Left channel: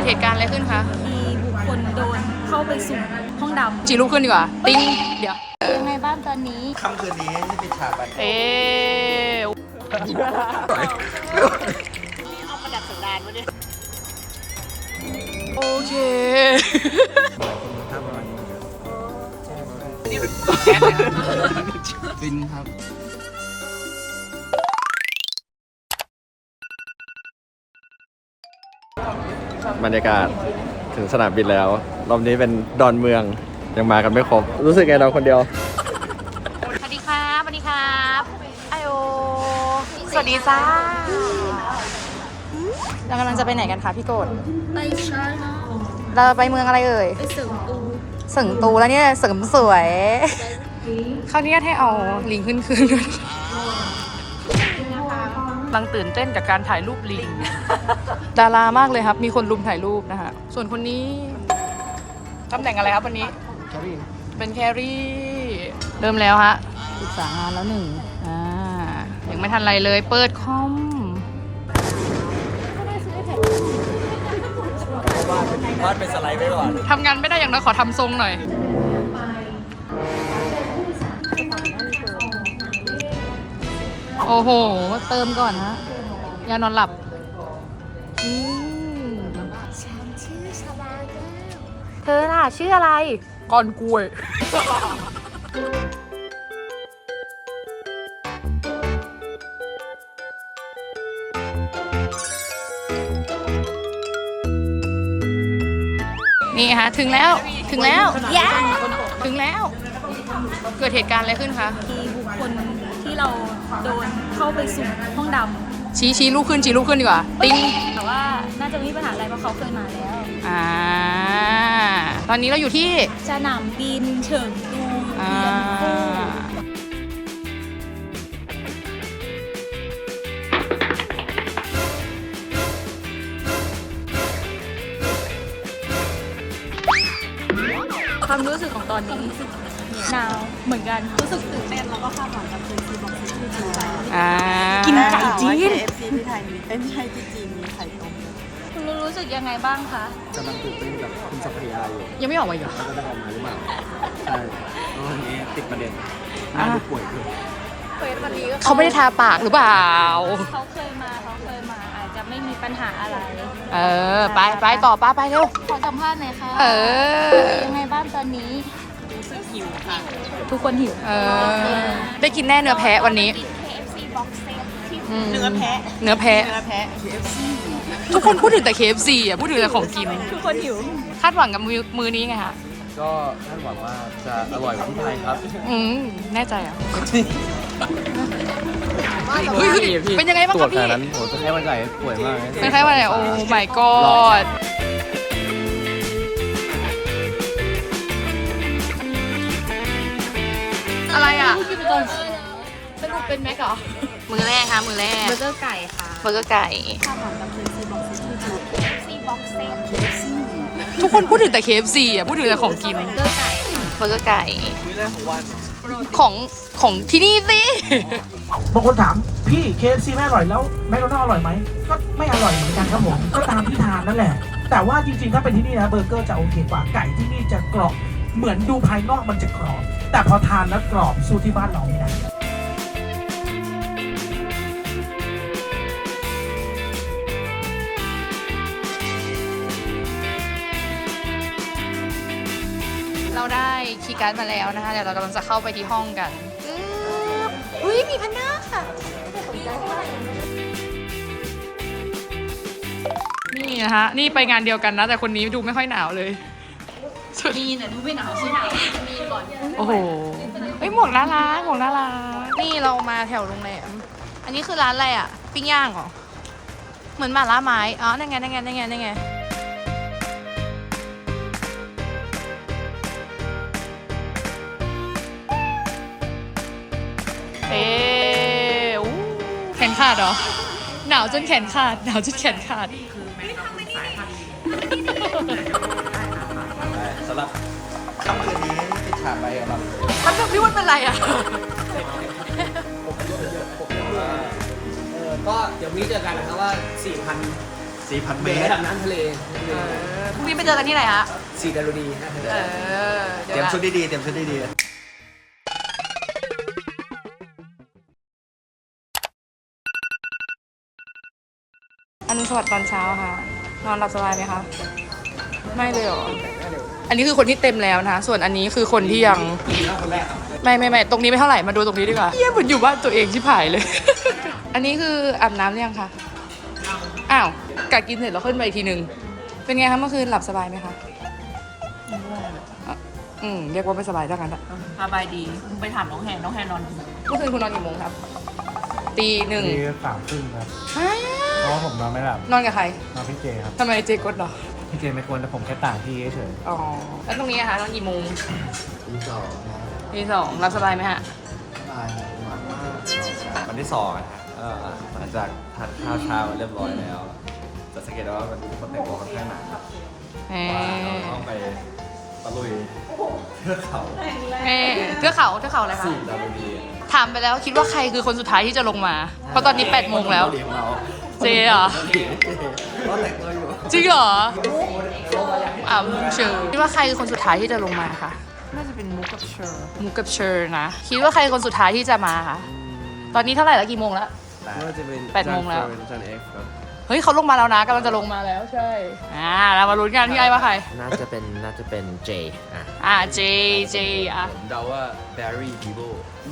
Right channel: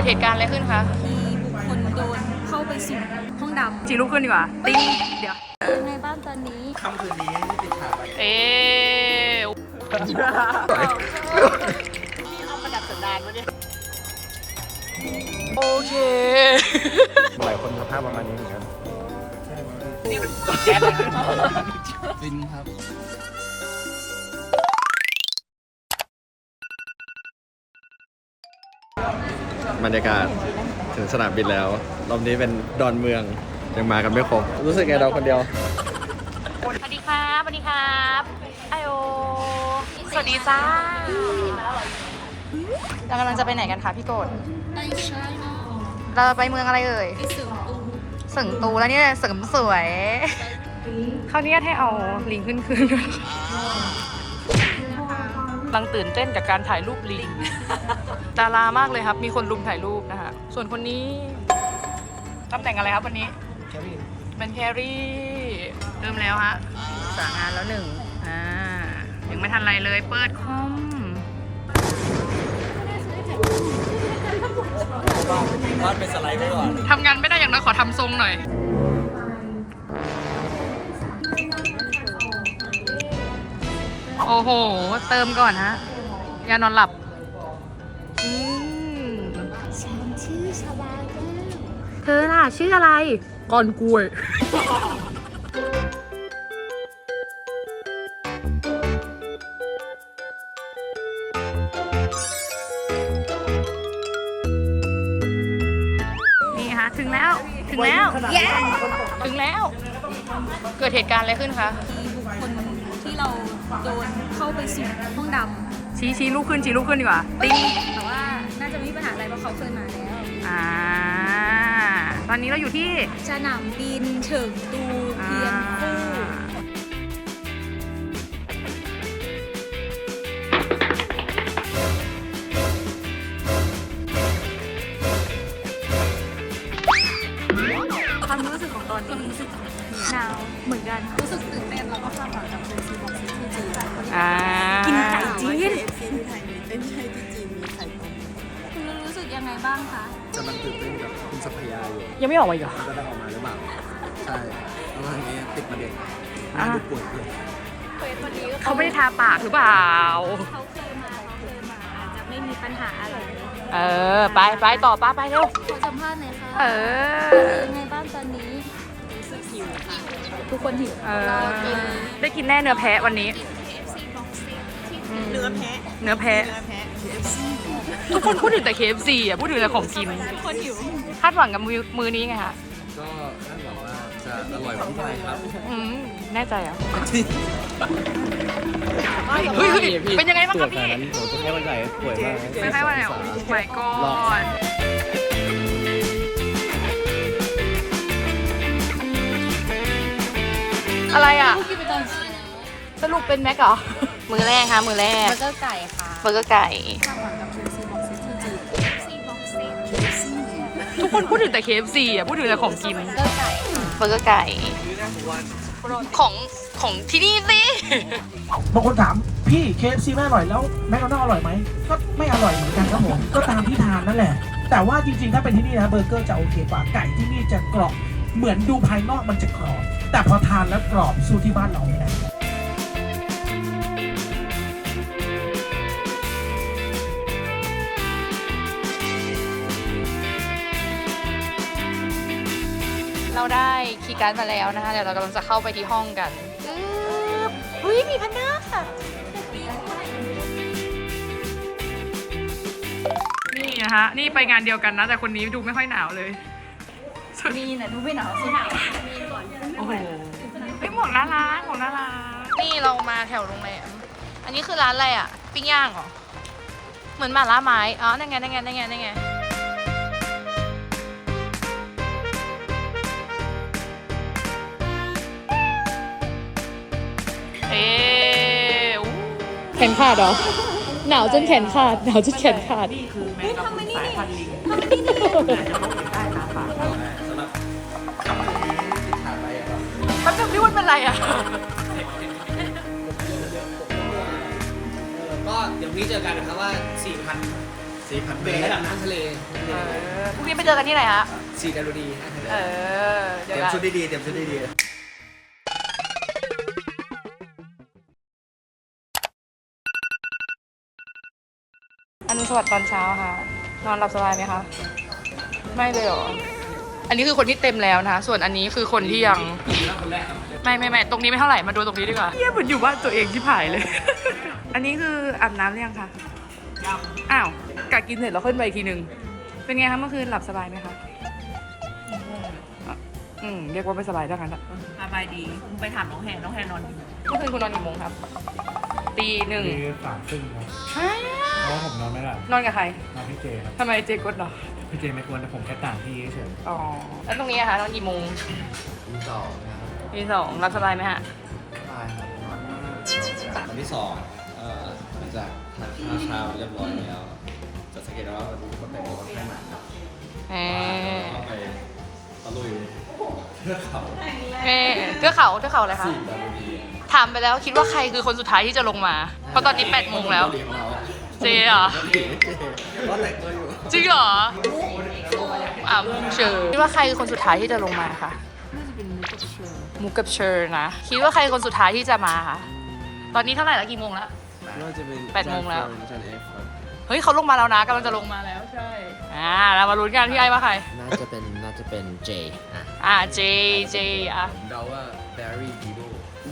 ดเหตุการณ์อะไรขึ้นคะ มีบุคคลโดนเข้าไปสุ่มห้องดจีลุกขึ้นดีกว่า ติ้ง เดี๋ยวำยังไงบ้างตอนนี้ ค่ำคืนนี้ไม่ปิดฉากอะเอ๊ะโอเค หลายคนสภาพประมาณนี้เหมือนกันฟินครับ บรรยากาศถึงสนามบินแล้ว รอบนี้เป็นดอนเมืองยังมากันไม่ครบ รู้สึกไงนอนคนเดียว สวัสดีครับสวัสดีครับไอโอสวัสดีจ้าเรากำลังจะไปไหนกันคะพี่โกดไปใช่นะเราไปเมืองอะไรเอ่ยไปเสริมตูเสริงตูแล้วเนี่ยเสริมสวย เขาวนี้ให้เอาลิงขึ้นคืนด้วยกำลังตื่นเต้นกับการถ่ายรูปลิง ดารามากเลยครับ มีคนลุมถ่ายรูปนะคะส่วนคนนี้ตำแหน่งอะไรครับวันนี้ เป็นแครี่ เริ่มแล้วฮะสางานแล้วหนึ่งอ่ายังไม่ทันไรเลย เปิดคอมวาดเป็นสไลด์ไว้ก่อน ทำงานไม่ได้อย่างน้อยขอทำทรงหน่อย โอ้โห เติมก่อนฮะยานอนหลับอืมฉันชื่อชบาแก้วเธอล่ะชื่ออะไรก่อนกล้วยนี่ฮะถึงแล้วถึงแล้วเย้ถึงแล้ว เกิดเหตุการณ์อะไรขึ้นคะมีบุคคลที่เรา โดนเข้าไปสุ่มห้องดชี้ชี้ลูกขึ้นชี้ลูกขึ้นดีกว่า ติ้งำแต่ว่าน่าจะไม่มีปัญหาอะไรเพราะเขาเคยมาแล้วอ่า ตอนนี้เราอยู่ที่ สนามบินเฉิงตูอ่าเทียนคู่ความรู้สึกของตอนนี้รู้สึกหนาวเหมือนกันรู้สึกตื่นเต้นแล้วก็คาดหวัง อ่ากินไก่จีนเอฟซีที่ไทยมีเอ้ยไม่ใช่ที่จีนมีไข่ต้มด้วยคุณรู้รู้สึกยังไงบ้างคะ กำลังตื่นเต้นกับคุณสัพยาอยู่ยังไม่ออกมาอีกเหรอแล้วก็ได้ออกมาหรือเปล่า ใช่เพราะว่าอย่างนี้ติดประเด็นอ่าน่าดูป่วยเกินเขาไม่ได้ทาปากหรือเปล่า เขาเคยมาเขาเคยมาอาจจะไม่มีปัญหาอะไรเออ ไปไปต่อป้าไปเร็ว ขอสัมภาษณ์หน่อยค่ะเออ ยังไงบ้างตอนนี้หิวค่ะทุกคนหิว เออ ได้กินแน่เนื้อแพะวันนี้ เนื้อแพะเนื้อแพะ เนื้อแพะ KFC ทุกคนพูดถึงแต่ KFC อะพูดถึงแต่ของกิน ทุกคนหิวคาดหวังกับมือมือนี้ไงคะก็คาดหวังว่าจะอร่อยเหมือนที่ไทยครับ อืมแน่ใจเหรอะเฮ้ยเฮ้ยเฮ้ยเป็นยังไงบ้างตรควรัจบขนาพี่ดนั้นโหจะแค่วันใหญ่ป่วยมากเป็นใครวะเนี่ยโอ้ my god อะไรอะ สรุปเป็นแม็กเหรอ มือแรกค่ะมือแรกเบอร์เกอร์ไก่ค่ะเบอร์เกอร์ไก่คาดหวังกับ KFC box set ที่จู KFC box set KFC ทุกคนพูดถึงแต่ KFC อะพูดถึงแต่ของกินเบอร์เกอร์ไก่เบอร์เกอร์ไก่ของของที่นี่สิบางคนถามพี่ KFC ไม่อร่อยแล้วแมคโดนัลด์อร่อยไหมก็ไม่อร่อยเหมือนกันครับผมก็ตามที่ทานนั่นแหละ แต่ว่าจริงๆ ถ้าเป็นที่นี่นะเบอร์เกอร์จะโอเคกว่าไก่ที่นี่จะกรอบเหมือนดูภายนอกมันจะกรอบ แต่พอทานแล้วกรอบสู้ที่บ้านเราไม่ได้ ได้คีย์การ์ดมาแล้วนะคะเดี๋ยวเรากำลังจะเข้าไปที่ห้องกันปึ๊บอุ้ยมีพันด้าค่ะนี่นะฮะ นี่ไปงานเดียวกันนะ แต่คนนี้ดูไม่ค่อยหนาวเลยสุดมีเนี่ยดูไม่หนาวใช่ไหมโอ้โหเฮ้ยหมวกน่ารักหมวกน่ารักนี่เรามาแถวโรงแรมอันนี้คือร้านอะไรอะ ปิ้งย่างเหรอ เหมือนหมาล่าไม้ อ๋อ นั่นไง นั่นไง นั่นไง นั่นไง ขนขาดเหรอ หนาวจนแขนขาด หนาวจนแขนขาดมันแบบพี่วันเป็นไรอะเออก็เดี๋ยวนี้เจอกันนะครับว่า 4,000สี่พันเมเป็นตระรดับน้ำทะเลเออพรุ่งนี้ไปเจอกันที่ไหนฮะ สีดารุดีนะทะเลเออเตเดี๋ยวรียมกัน ชุดดีๆเตรียมชุดดีๆเลย อนุสวัสดิ์ตอนเช้าค่ะ นอนหลับสบายไหมคะ ไม่เลยเหรอ อันนี้คือคนที่เต็มแล้วนะส่วนอันนี้คือคนที่ยัง ไม่ไม่ไม่ตรงนี้ไม่เท่าไหร่ มาดูตรงนี้ดีกว่าเยี่ยเหมือนอยู่บ้านตัวเองที่ผายเลย อันนี้คืออาบน้ำหรือยังคะ อ้าวกะกินเสร็จแล้วขึ้นไปอีกทีนึงเป็นไงคะเมื่อคืนหลับสบายไหมคะอะอืมเรียกว่าไม่สบายเท่านั้นอะสบายดีมึงไปถามน้องแฮนน้องแฮนนอนอยู่เมื่อคืนคุณนอนกี่โมงครับ ตีหนึ่ง ตีสามครึ่งครับฮะเพ ราะว่าผมนอนไม่หลับนอนกับใครนอนพี่เจครับ ทำไมเจกดเหรอ พี่เจไม่กวนแต่ผมแค่ต่างที่เฉยอ๋อ แล้วตรงนี้อะคะนอนกี่โมงตีสองนะตีสองหลับสบายไหมฮะวันที่สองเอ่อหลังจากทานข้าวเช้าเรียบร้อยแล้ว จะสังเกตได้ว่าวันนี้คนแต่งตัวค่อนข้างหนักครับแหมเราต้องไปตะลุยเทือกเขาแหมเทือกเขาเทือกเขาอะไรคะ สี่ดารุณี ถามไปแล้วคิดว่าใครคือคนสุดท้ายที่จะลงมา เพราะตอนนี้8ปดโมงแล้ว เกาหลีของเราเจเหรอเกาหลีเจก็แต่งตัวอยู่จริงเหรออ่ามุกเชอร์คิดว่าใครคือคนสุดท้ายที่จะลงมาคะน่าจะเป็นมุกกับเชอร์มุกกับเชอร์นะ คิดว่าใครคนสุดท้ายที่จะมาคะตอนนี้เท่าไหร่แล้วกี่โมงแล้วว่าจะเป็นแปดโมงแล้ว จันเอ็กครับเฮ้ยเขาลงมาแล้วนะกำลังจะลงมาแล้วใช่อ่าเรามาลุ้นกันที่ไอ้ว่าใคร น่าจะเป็นน่าจะเป็นเจอะอ่าเจเจอะ ผมเดาว่าแบร์รี่บีโบ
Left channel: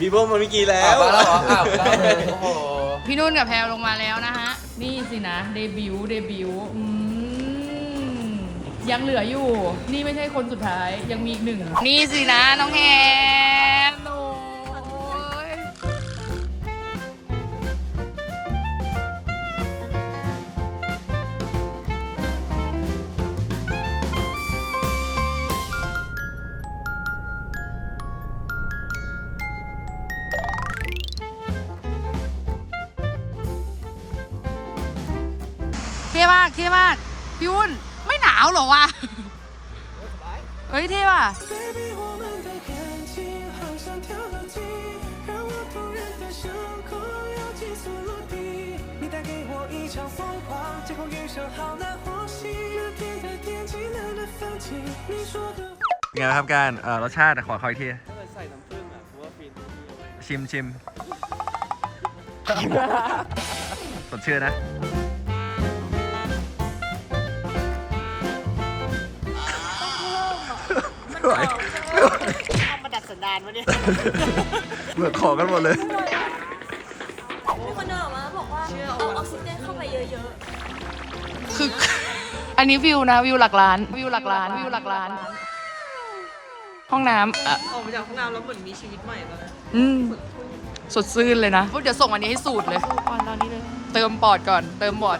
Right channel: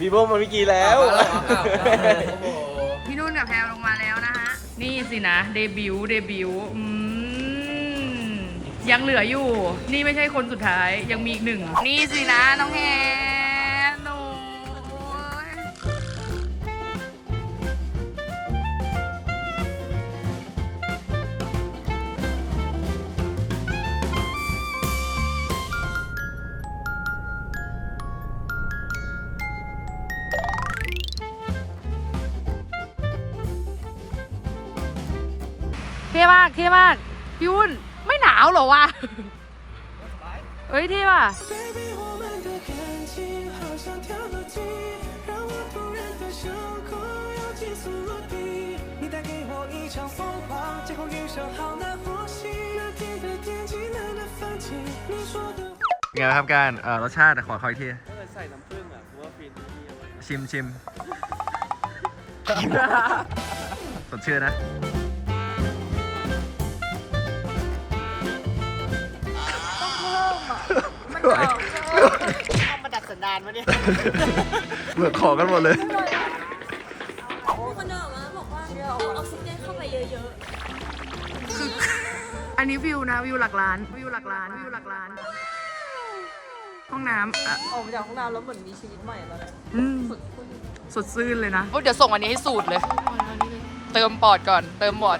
บีโบมันเมื่อกี้แล้วอ้าวแล้วเหรออ้าวแล้วโอ้โหพี่นุ่นกับแพลลงมาแล้วนะฮะ นี่สินะเดบิวต์เดบิวต์อืมยังเหลืออยู่ นี่ไม่ใช่คนสุดท้ายยังมีอีกหนึ่ง นี่สินะน้องแฮ ท่มากพี่วุ้นไม่หนาวหรอวะเฮ้ยเท่ว่ะไงครับการเอ่อรสชาติขอคอยทีถ้าเกิดใส่น้ำผึ้งอะคืว่าฟินชิมชิมสดชื่อนะ มันเอาเอามาดัดสันดานวะเนี่ยเหมือนของกันหมดเลย มีคนเดินออกมาบอกว่าเอาออกซิเจนเข้าไปเยอะคืออันนี้วิวนะวิวหลักล้านวิวหลักล้านวิวหลักล้าน ห้องน้ำอะออกมาจากห้องน้ำแล้วเหมือนมีชีวิตใหม่เลยอืมสดชื่นเลยนะเดี๋ยวส่งอันนี้ให้สูตรเลยเติมปอดก่อน เติมปอด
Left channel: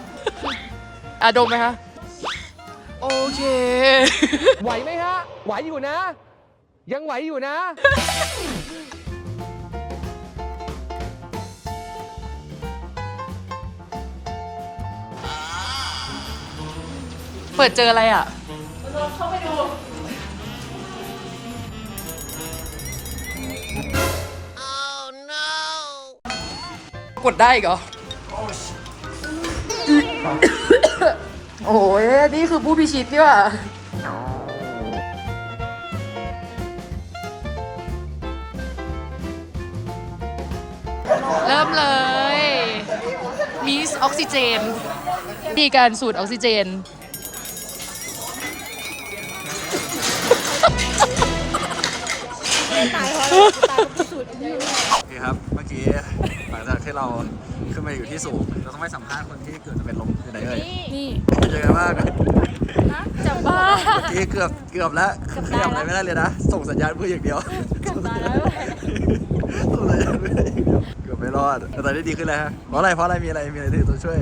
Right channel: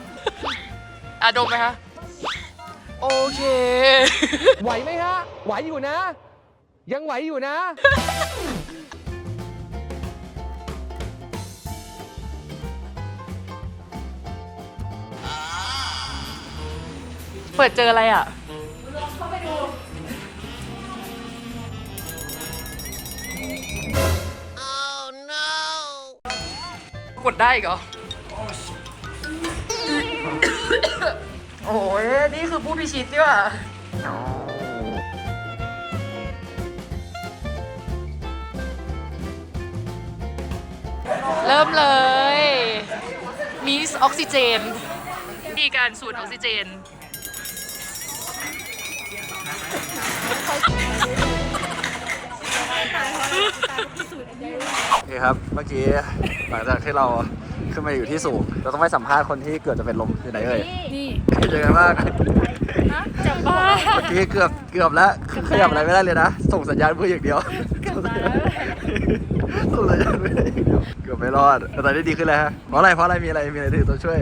อะดมไหมคะ โอเค ไหวไหมฮะ ไหวอยู่นะ ยังไหวอยู่นะ เปิดเจออะไรอะ กดได้อีกเหรอ โอ้ยนี่คือผู้พิชิตนี่ว่ะเริ่มเลย มีออกซิเจน ดีการสูดออกซิเจนโอเคครับ เมื่อกี้หลังจากที่เรา ขึ้นมาอยู่ที่สูง เราต้องไปสัมภาษณ์คนที่เกือบจะเป็นลมคือไหนเอ่ยนี่เป็นยังไงบ้างจะบ้าเมื่อกี้เกือบเกือบแล้วขยับอะไรไม่ได้เลยนะ ส่งสัญญาณมืออย่างเดียวตายแล้วส่งสัญญาณมืออย่างเดียวเกือบไม่รอดแต่ตอนนี้ดีขึ้นแล้วฮะเพราะอะไรเพราะอะไรมีอะไรมีอะไรถือตัวช่วย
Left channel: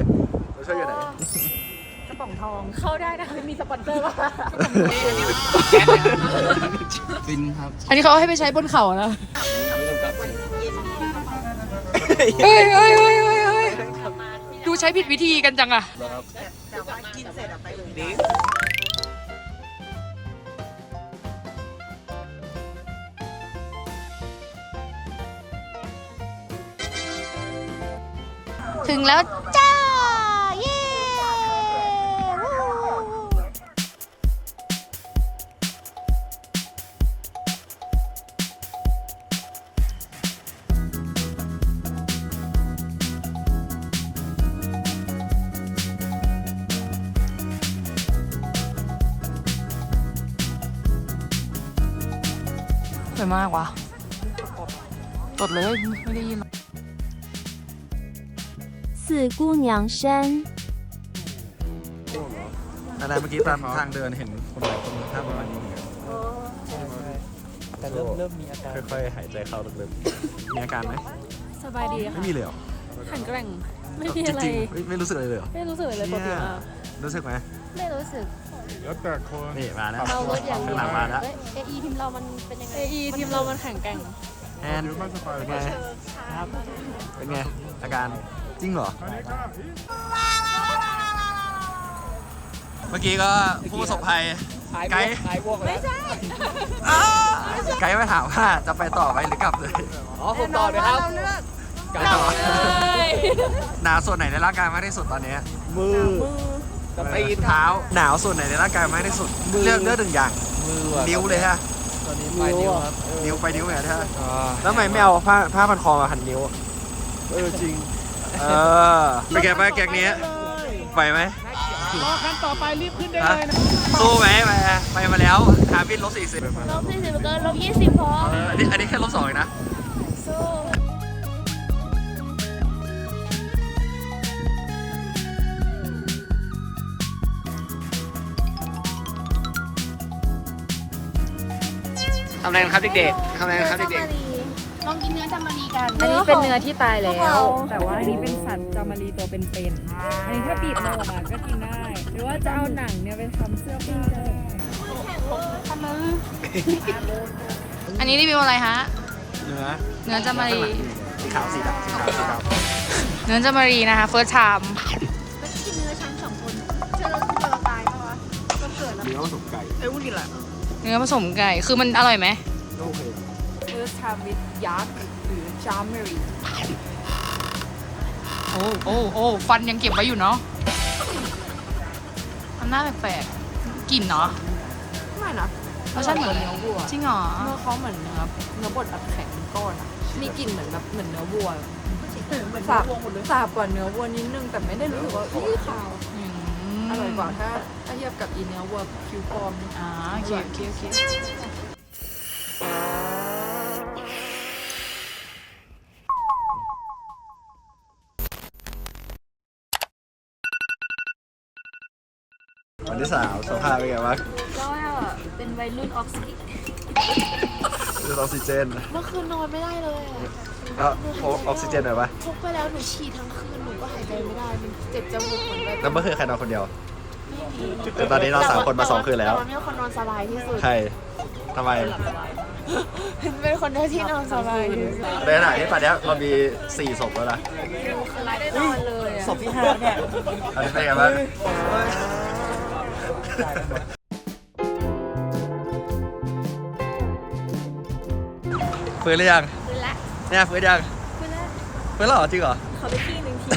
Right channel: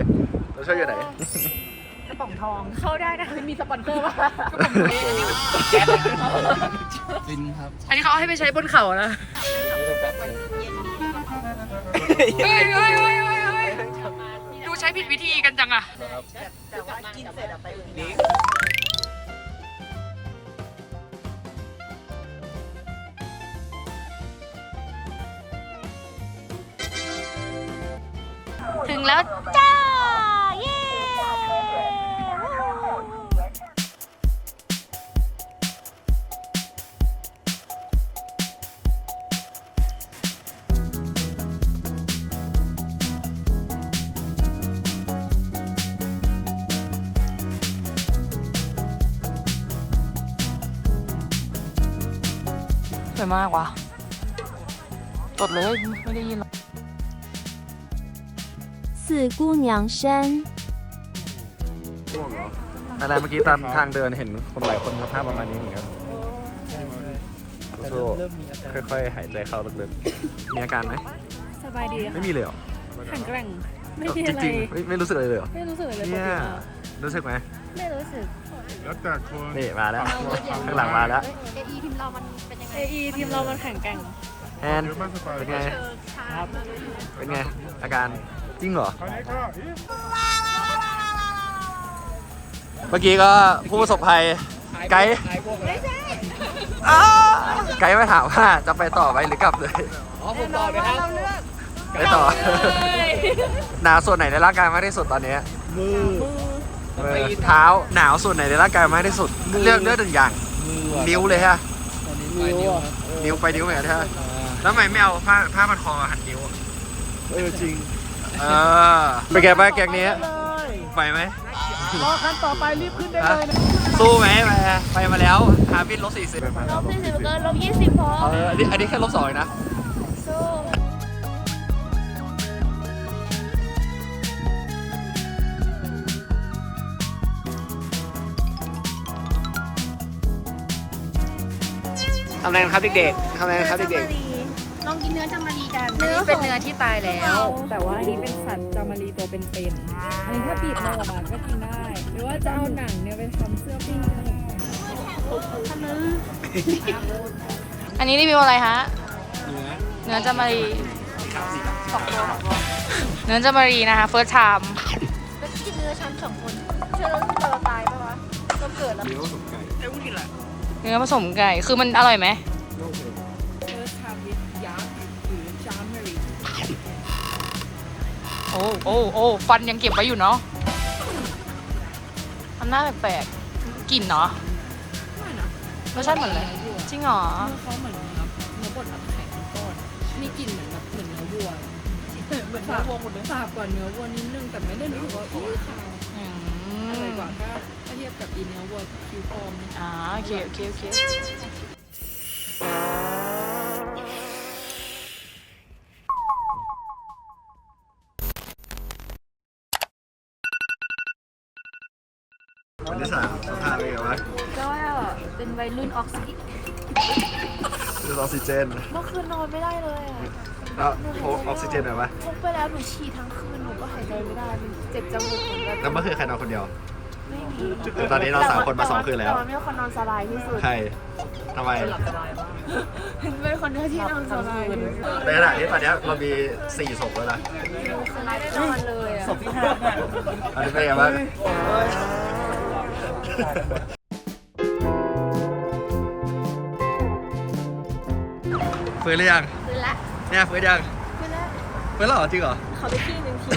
ตัวช่วยอยู่ไหนๆเข้าได้นะคะมีสปอนเซอร์ป่ะฟินครับอันนี้เขาเอาให้ไปใช้บนเขานะเฮ้ย ใช้ผิดวิธีกันจังอะถึงแล้วจ้า สวยมากว่ะกดเลยไม่ได้ยินสี่姑娘山อะไรเมื่อกี้ตามทางเดินเห็นคนหลายคนสภาพประมาณนี้เหมือนกันค่อยๆหายใจเข้าลึกๆมีอาการไหมสบายดีค่ะไม่มีเลยหรอแข็งแกร่งไม่มีอะไรไม่รู้สึกอะไรเลยหรอไม่รู้สึกอะไรเลยปกติรู้สึกไหมไม่รู้สึก นี่มาแล้ว เราลดอย่างข้างหลังมาแล้ว เอไอทีมเรามันเป็นยังไงเอไอทีมเรามันแข็งแกร่ง แอนเป็นไง ครับ เป็นไง อาการจริงเหรอเมื่อกี้ก็ผู้ประสบภัย ไกด์ไม่ใช่ไกด์มาถามว่าจะไปต่อไหมหรือกลับเลย อ๋อผมตอบเลยครับ ไปต่อ หนาวส่วนไหนในร่างกายมากที่สุดตอนนี้ มือ มือเท้าหนาวส่วนไหนในร่างกายมากที่สุดเลือกเลือกหนึ่งอย่าง มือว่ะนิ้วเลยฮะ ตอนนี้ปลายนิ้วครับนิ้วไปนิ้วเหมือนกันฮะอ่าแล้วทำไมไม่เอาผ้าผ้าพันคอมาหันนิ้ว เออจริง เออเป็นไงบ้างแกงนี้ไหวไหม รอคันต่อไปรีบขึ้นได้เลยนะ สู้ไหมไปไปมาแล้วหาบินลบสี่สิบลบสี่สิบเกินลบยี่สิบพอเอออันนี้อันนี้แค่ลบสองเองนะ ทำอะไรกันครับเด็กๆทำอะไรกันครับเด็กลองกินเนื้อจามารีกันเนื้อเป็นของเนื้อที่ตายแล้ว แต่ว่าอันนี้เป็นสัตว์จามารีตัวเป็นๆอันนี้ถ้าบีบมาออกมาก็กินได้ หรือว่าจะเอาหนังเนี่ยไปทำเสื้อปิ้งได้อันนี้รีวิวอะไรฮะเนื้อเนื้อจามารี เนื้อจามารีนะคะ first time เนื้อผสมไก่ คือมันอร่อยไหมโอเคเฟิร์สทามวิดยักษ์หรือจามารีโอ้โอ้โอ้ฟันยังเก็บไว้อยู่เนาะทำหน้าแปลกๆกลิ่นเนาะไม่นะรสชาติเหมือนอะไรเนื้อวัวจริงเหรอเนื้อเขาเหมือนเนื้อเนื้อบดแบบแข็งเป็นก้อนอะมีกลิ่นเหมือนแบบเหมือนเนื้อวัวสาบสาบกว่าเนื้อวัวนิดนึงแต่ไม่ได้รู้สึกว่าอุ้ยขาว อืมอร่อยกว่าถ้าถ้าเทียบกับอีเนื้อวัวคิวฟอร์มนี่อ่าโอเคโอเคโอเควันที่สามสภาพเป็นไงบ้างก็เป็นวัยรุ่นออกซิ คือออกซิเจนเมื่อคืนนอนไม่ได้เลยอะแล้วพกออกซิเจนหน่อยปะพกไปแล้วหนูฉี่ทั้งคืนหนูก็หายใจไม่ได้ มันเจ็บจมูกเหมือนกันแล้วเมื่อคืนใครนอนคนเดียวแต่ตอนนี้เราสามคนมาสองคืนแล้ว ตอนนี้คนนอนสบายที่สุด ใครทำไม เป็นคนเดียวที่นอนสบายที่สุดในขณะที่ตอนเนี้ยเรามีสี่ศพแล้วนะคือไม่ได้นอนเลยอะศพที่ห้าเนี่ย อันนี้เป็นไงบ้าง ฟื้นหรือยังฟื้นละเนี่ยฟื้นยังฟื้นละฟื้นแล้วเหรอจริงเหรอขอไปที่หนึ่งที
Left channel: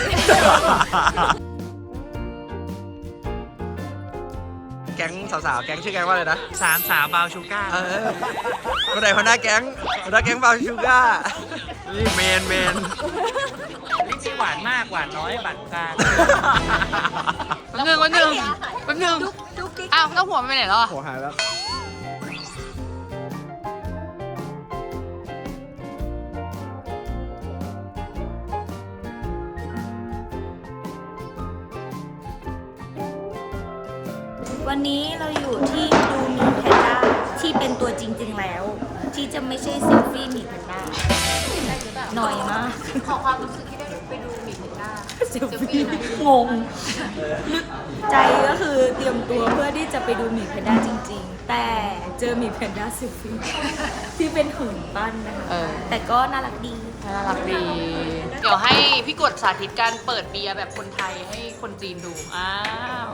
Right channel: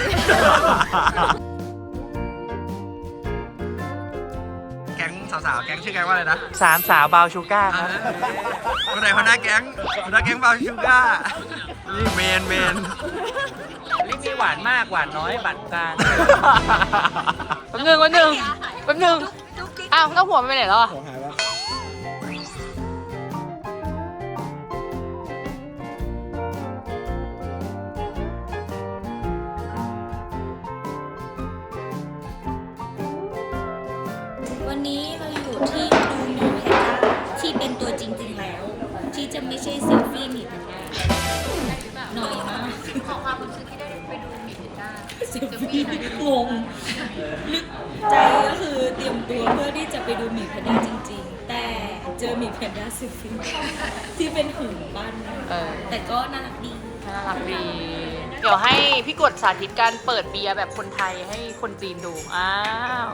แก๊งสาวๆ แก๊งชื่อแก๊งว่าอะไรนะสามสาวบาวชูก้าอ่าคนไหนคนหน้าแก๊งคนหน้าแก๊งบาวชูก้า นี่เมนเมนหวานมากหวานน้อยบัดกลางแป๊บนึงแป๊บนึงแป๊บนึงอ้าวแล้วหัวมันไปไหนแล้วอะหัวหายแล้ว จะไม่ใช่เซลฟี่หมีแพนด้าหน่อยมากขอความรู้สึกที่ได้ไปดูหมีแพนด้าเซลฟี่งงนึใจก็คือเตรียมตัวเพื่อที่จะไปดูหมีแพนด้าจริง ๆ แต่เจอหมีแพนด้าเซลฟี่ที่เป็นหุ่นปั้นนะคะเออ แต่ก็น่ารักดี น่ารักดี เดี๋ยวให้พี่กดสาธิตการเปิดเบียร์แบบคนไทยให้คนจีนดู อ้าว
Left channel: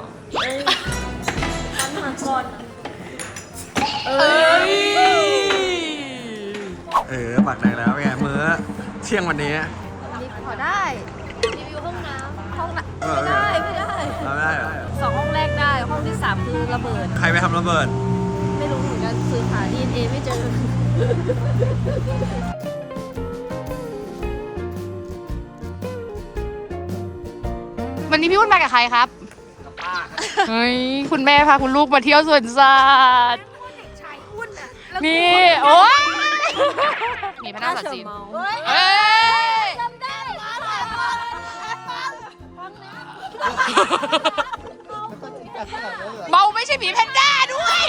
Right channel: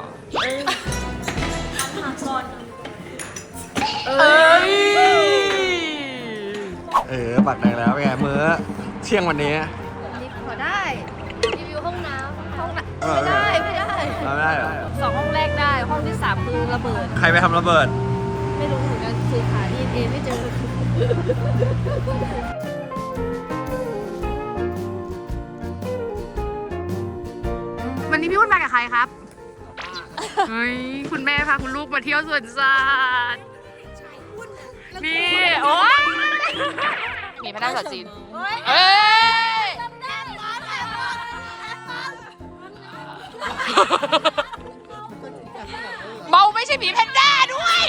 เอ้ย เออปากแดงแล้วเป็นไงมื้อเที่ยงวันนี้พอได้รีวิวห้องน้ำห้องน้เออำไม่ได้ไม่ได้เอาไม่ได้เหรอสองห้องแรกได้ห้องที่สามคือระเบิด ใครไปทำระเบิด ไม่รู้เหมือนกันคือหาดีเอไม่เจอ วันนี้พี่วุ่นมากับใครครับเฮ้ยคุณแม่พาคุณลูกมาเที่ยวสวนสัตว์นี่ โอ้ย หมีแพนด้าภาษาจีนเอ้ยเมาไม่ใช่หมีแพนด้าด้วย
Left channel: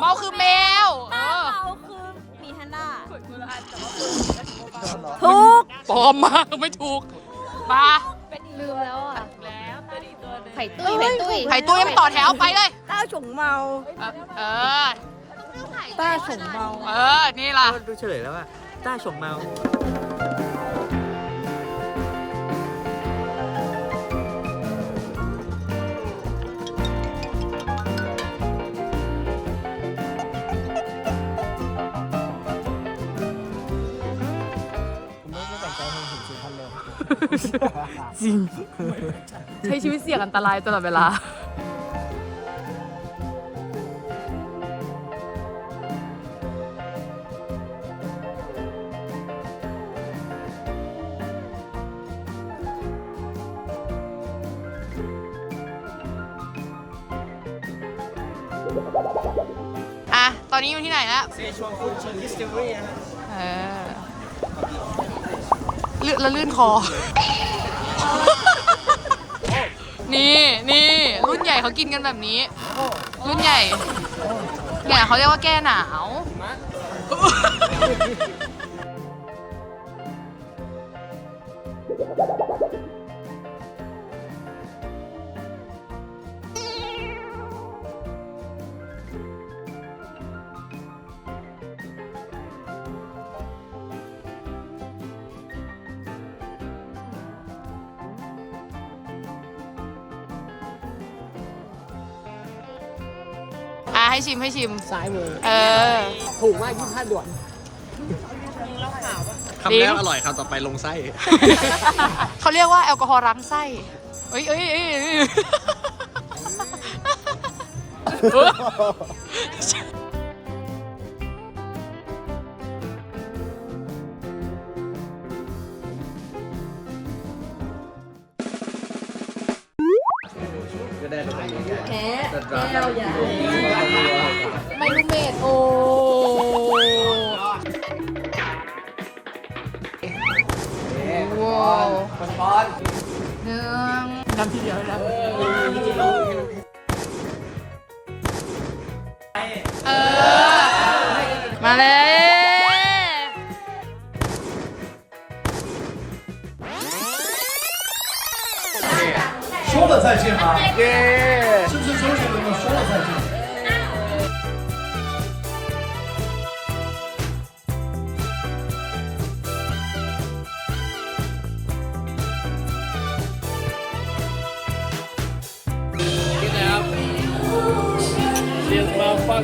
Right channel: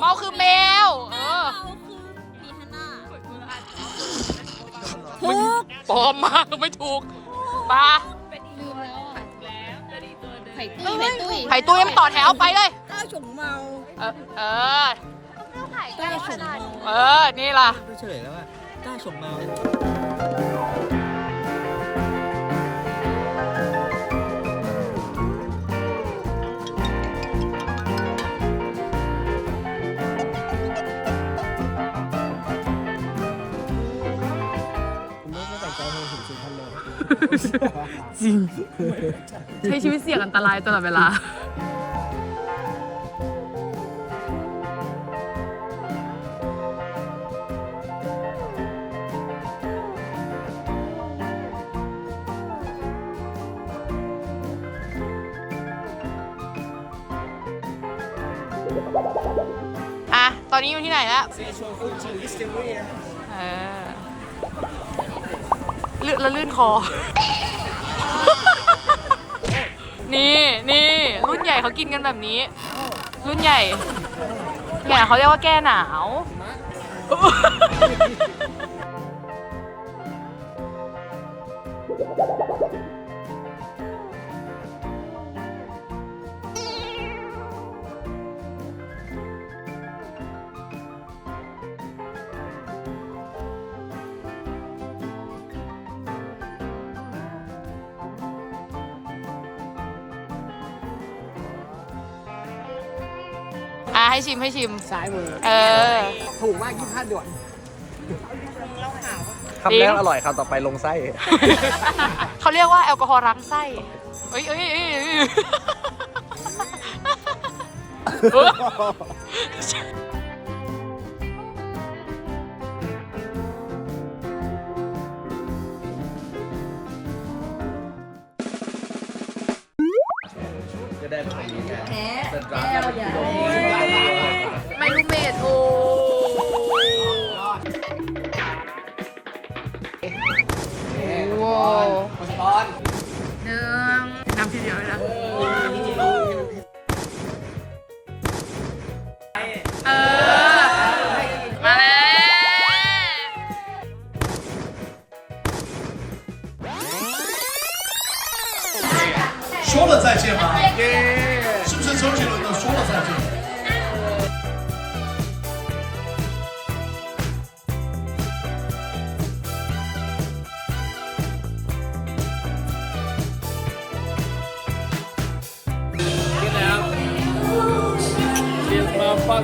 เมาคือแมว เออ คือมีฮันด้าถูกปลอมมากไม่ถูกปลาลืมแล้วอะไข่ตุ้ยไข่ตุ้ยไข่ตุ้ยมันต่อแถวไปเลยต้าฉงเมา เออเออ ต้าฉงเมาเออ นี่ล่ะ ดูเฉลยแล้วว่าต้าชงเมาผมไม่ได้แต่งใจให้เห็นสีพันเลย จริง ใช้ชีวิตเสี่ยงอันตรายตลอดเวลา อะ ตอนนี้อยู่ที่ไหนแล้วเซชวนฟูจิดิสติเวอรี่นะเออลื่นแล้วลื่นคอ นี่นี่รุ่นใหญ่เขากินกันแบบนี้ รุ่นใหญ่เนี่ยเขาเรียกว่าแก้หนาว อะให้ชิมให้ชิม ซ้ายมือเออ ถูกมากยี่ห้าด่วนคำแรกอร่อยคำต่อไปลงไส้เขาเรียกว่าแอลกอฮอล์ล้างไส้เอ้ยเอ้ยเอ้ยเอ้ยเออไม่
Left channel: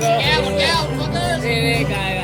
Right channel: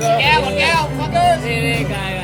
แก้วแก้วฟัก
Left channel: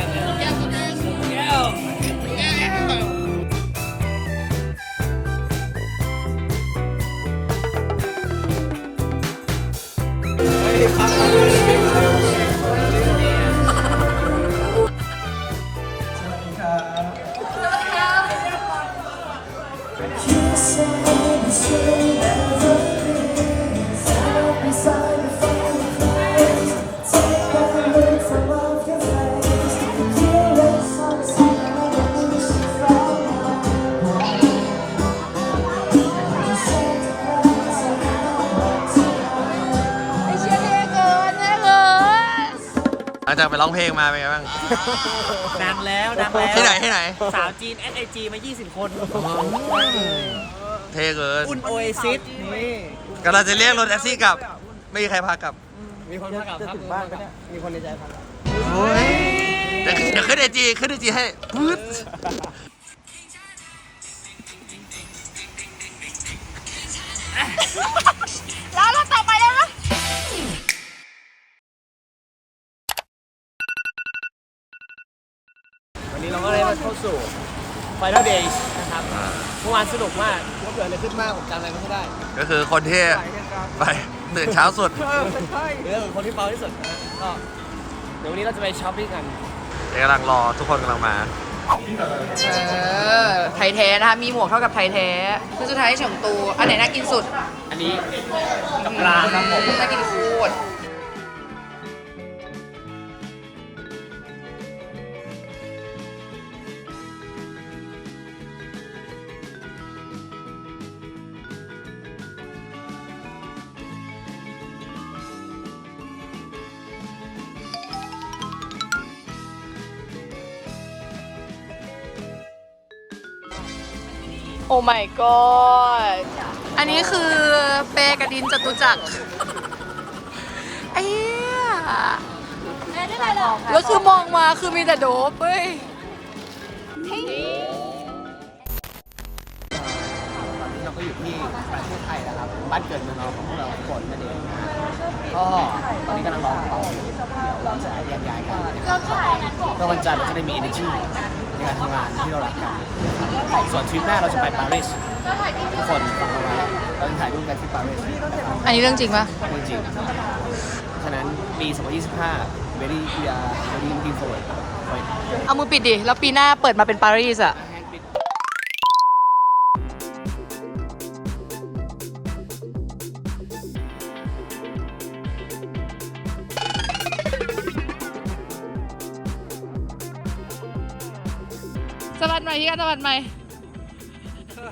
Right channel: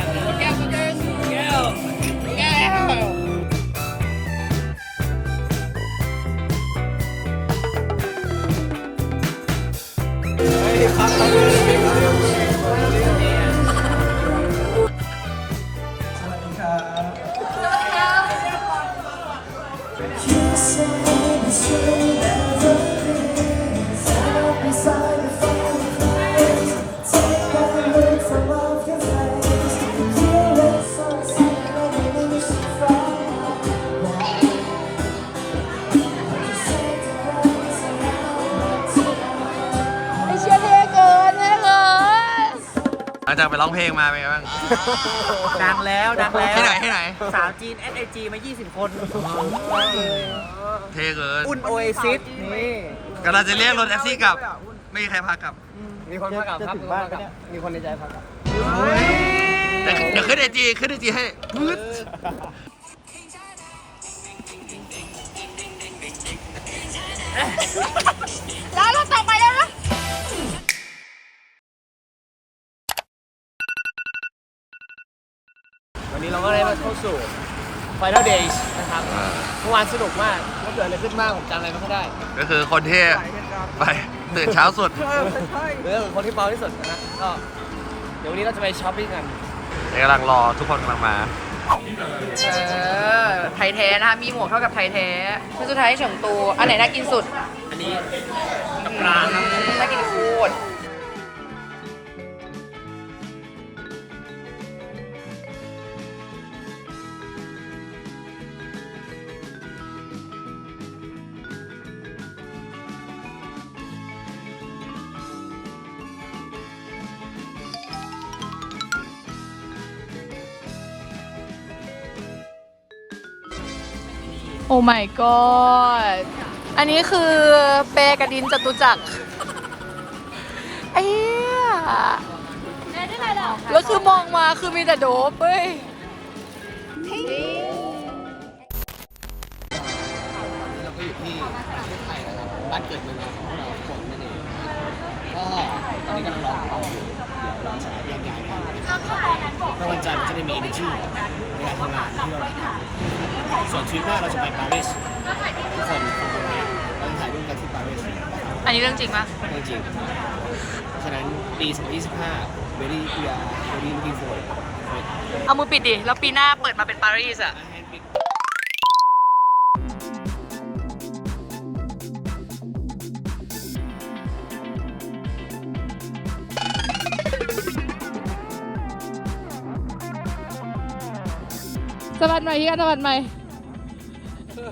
จากไปร้องเพลงมาเป็นไงบ้าง ดังแล้วดังแล้วที่ไหนที่ไหน สาวจีน SIG มา 20 คนเท่เกิน อุ่นโอเอซิสนี่กำลังจะเรียกรถแท็กซี่กลับ ไม่มีใครพากลับ มีคนมากับครับมีคนมากับมีคนในใจพักเดี๋ยวเดี๋ยวขึ้นไอจีขึ้นไอจีให้พืด วันนี้เราก็ได้มาเข้าสู่ Final Days นะครับเมื่อวานสนุกมากว่าเกิดอะไรขึ้นบ้างผมจำอะไรไม่ค่อยได้ก็คือคนที่ไปตื่นเช้าสุด เรื่องคนที่เบาที่สุดนะฮะก็เดี๋ยววันนี้เราจะไปช้อปปิ้งกันเดี๋ยวกำลังรอทุกคนกำลังมา เออไทยแท้นะคะมีหมวกเท่ากับไทยแท้คือสุดท้ายเฉิงตูอันไหนน่ากินสุด อันนี้น่ากินโค อันนี้คือเปกระดินจตุจักรไอ้เหี้ยแล้วคือมองมาคือมีแต่โดบเว้ย ตอนนี้เราก็อยู่ที่ประเทศไทยนะครับ บ้านเกิดเมืองนอนของพวกเราทุกคนนั่นเองนะฮะก็ตอนนี้กำลังรอต่ออยู่เดี๋ยวเราจะแยกย้ายกันนะครับเพื่อวันจันทร์เราจะได้มี energy ในการทำงานที่เรารักกันนะครับส่วนทริปหน้าเราจะไปปารีสทุกคนฟังเราไว้ เราจะถ่ายรูปกันที่ปารีสนะครับอันนี้เรื่องจริงปะจริงๆเพราะฉะนั้นปี 2025 very we are very looking forward for it เอามือปิดดิ แล้วปีหน้าเปิดมาเป็นปารีสอะสวัสดีใหม่ที่กันสวัสดีใหม่อื้อ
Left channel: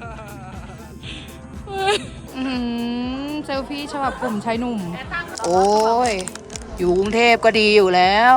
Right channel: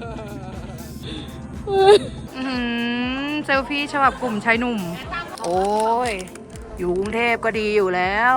หือเซลฟี่ฉบับกลุ่มชายหนุ่ม โอ้ย อยู่กรุงเทพก็ดีอยู่แล้ว